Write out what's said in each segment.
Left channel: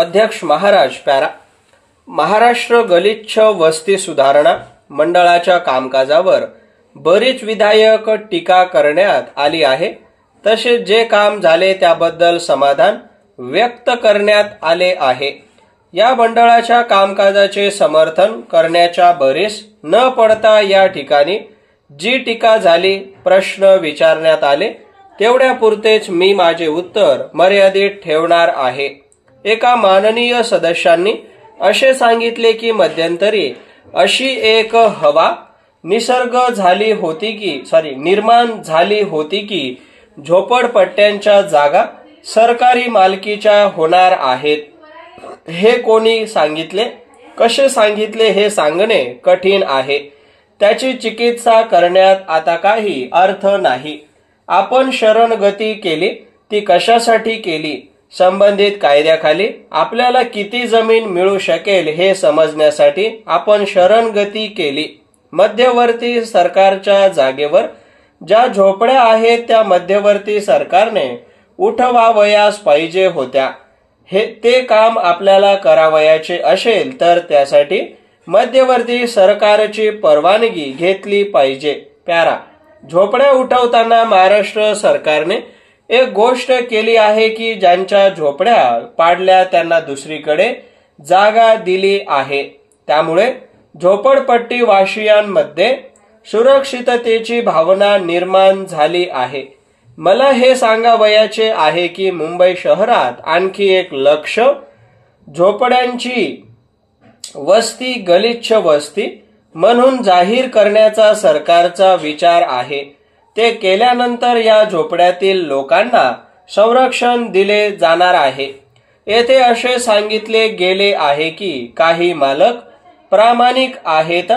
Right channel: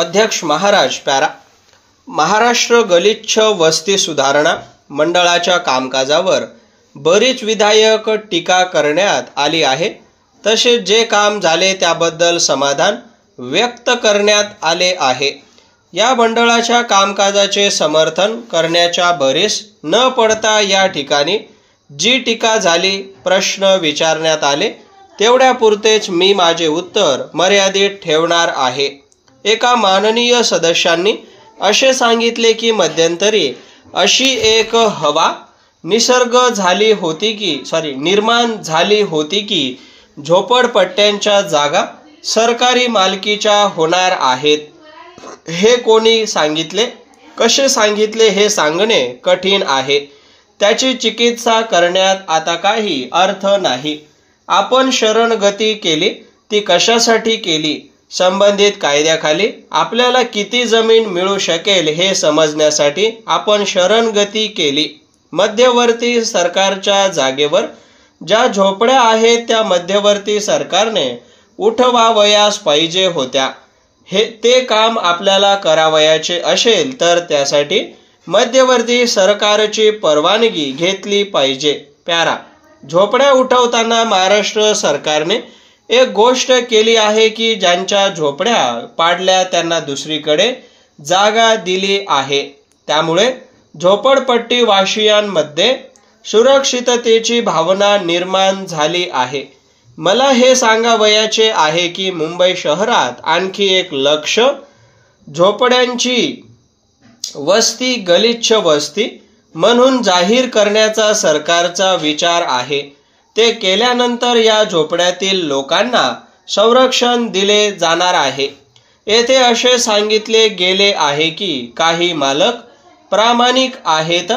अध्यक्ष महाराज पॅरा महाराष्ट्र गलिच्छ वस्ती सुधारणा मंडळाच्या कामकाजावर बरीच विधायक टीका करण्यात आली आहे। तसेच जे काम झाले त्याबद्दल समाधान व्यक्त करण्यात आले आहे। या मंडळाच्या कामकाजाचे समर्थन करण्याच्या भरीस न पडता या ठिकाणी जी टीका झाली, प्रश्न विचारण्यात आले तेवढ्यापुरतेच मी माझे उत्तर मर्यादित ठेवणार आहे। एका माननीय सदस्यांनी असे सांगितले की मध्यंतरी अशी एक हवा निर्माण झाली होती की झोपडपट्ट्यांच्या जागा सरकारी मालकीच्या होणार आहेत। हे कोणी सांगितले, कसे सांगितले हे सांगणे कठीण आहे। त्याची चिकित्सा करण्यात आता काही अर्थ नाही। आपण शरणगती केली ती कशासाठी केली? संबंधित कायद्याखाली आपल्याला किती जमीन मिळू शकेल हे समजण्यासाठी आपण शरणगती केली। मध्यवर्ती सरकारच्या जागेवर ज्या झोपड्या आहेत त्या मध्यवर्ती सरकारने उठवावयास पाहिजे होत्या। ते काम आपल्याला करावयाचे असेल तर त्यासाठी मध्यवर्ती सरकारची परवानगी घेतली पाहिजे। पॅरा झोपड्या उठवताना महाराष्ट्र सरकारने एक गोष्ट केली आहे की ज्यांच्या झोपड्या पाडल्या त्यांना दुसरीकडे जागा दिली आहे। त्यामुळे झोपडपट्टी वासियांमध्ये सुरक्षिततेची भावना निर्माण झाली आहे। मला हे सांगावयाचे आहे की मुंबई शहरात आणखी एक लक्ष झोपड्यांची वस्ती गलिच्छ वस्ती म्हणून जाहीर करण्याचा सरकारचा विचार आहे। ते केल्यानंतर या झोपड्यातील लोकांना संरक्षण दिले जाणार आहे। येथे असे सांगितले गेले आहे की काही मालक प्रामाणिक आहेत,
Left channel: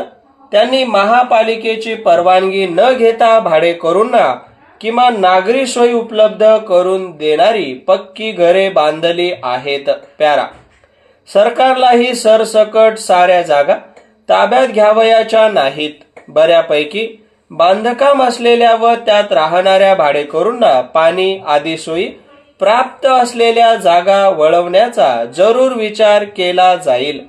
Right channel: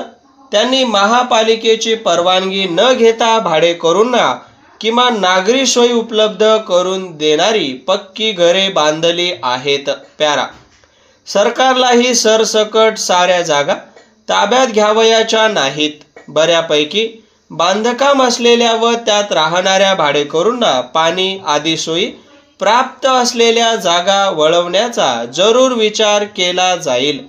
त्यांनी महापालिकेची परवानगी न घेता भाडेकरूंना किमान नागरी सोयी उपलब्ध करून देणारी पक्की घरे बांधली आहेत। पॅरा सरकारलाही सरसकट साऱ्या जागा ताब्यात घ्यावयाच्या नाहीत। बऱ्यापैकी बांधकाम असलेल्या व त्यात राहणाऱ्या भाडेकरूंना पाणी आदी सोयी प्राप्त असलेल्या जागा वळवण्याचा जरूर विचार केला जाईल।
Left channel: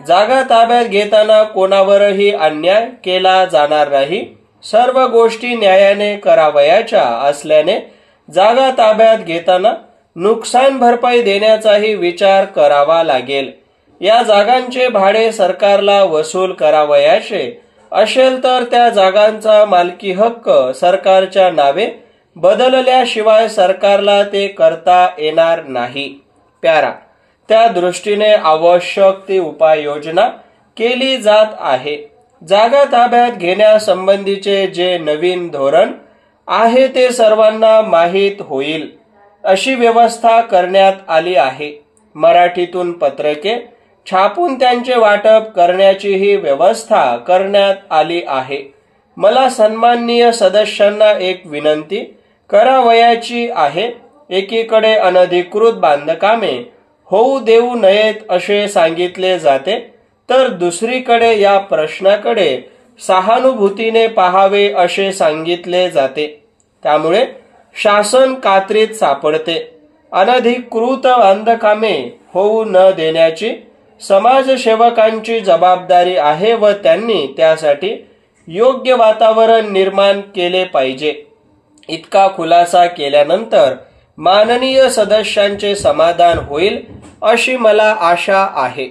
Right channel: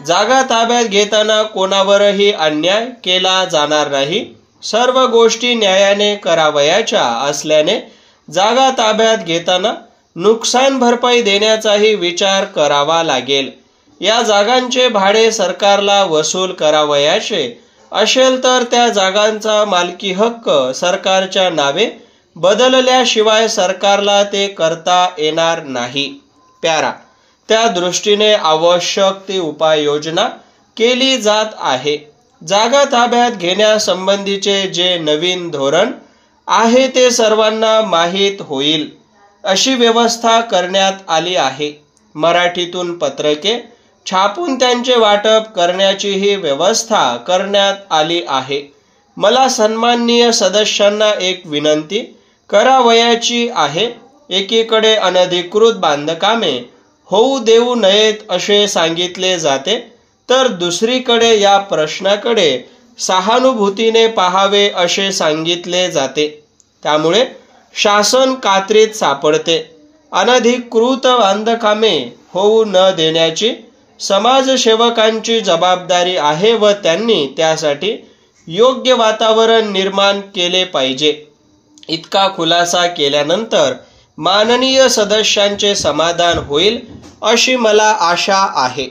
जागा ताब्यात घेताना कोणावरही अन्याय केला जाणार नाही। सर्व गोष्टी न्यायाने करावयाच्या असल्याने जागा ताब्यात घेताना नुकसान भरपाई देण्याचाही विचार करावा लागेल। या जागांचे भाडे सरकारला वसूल करावयाचे असेल तर त्या जागांचा मालकी हक्क सरकारच्या नावे बदलल्याशिवाय सरकारला ते करता येणार नाही। पॅरा त्या दृष्टीने आवश्यक ती उपाययोजना केली जात आहे। जागा ताब्यात घेण्यासंबंधीचे जे नवीन धोरण आहे ते सर्वांना माहीत होईल अशी व्यवस्था करण्यात आली आहे। मराठीतून पत्रके छापून त्यांचे वाटप करण्याचीही व्यवस्था करण्यात आली आहे। मला सन्माननीय सदस्यांना एक विनंती करावयाची आहे। एकीकडे अनधिकृत बांधकामे होऊ देऊ नयेत असे सांगितले जाते, तर दुसरीकडे या प्रश्नाकडे सहानुभूतीने पाहावे असे सांगितले जाते। त्यामुळे शासन कात्रीत सापडते। अनधिकृत बांधकामे होऊ न देण्याची समाजसेवकांची जबाबदारी आहे व त्यांनी त्यासाठी योग्य वातावरण निर्माण केले पाहिजे। इतका खुलासा केल्यानंतर माननीय सदस्यांचे समाधान होईल अशी मला आशा आहे।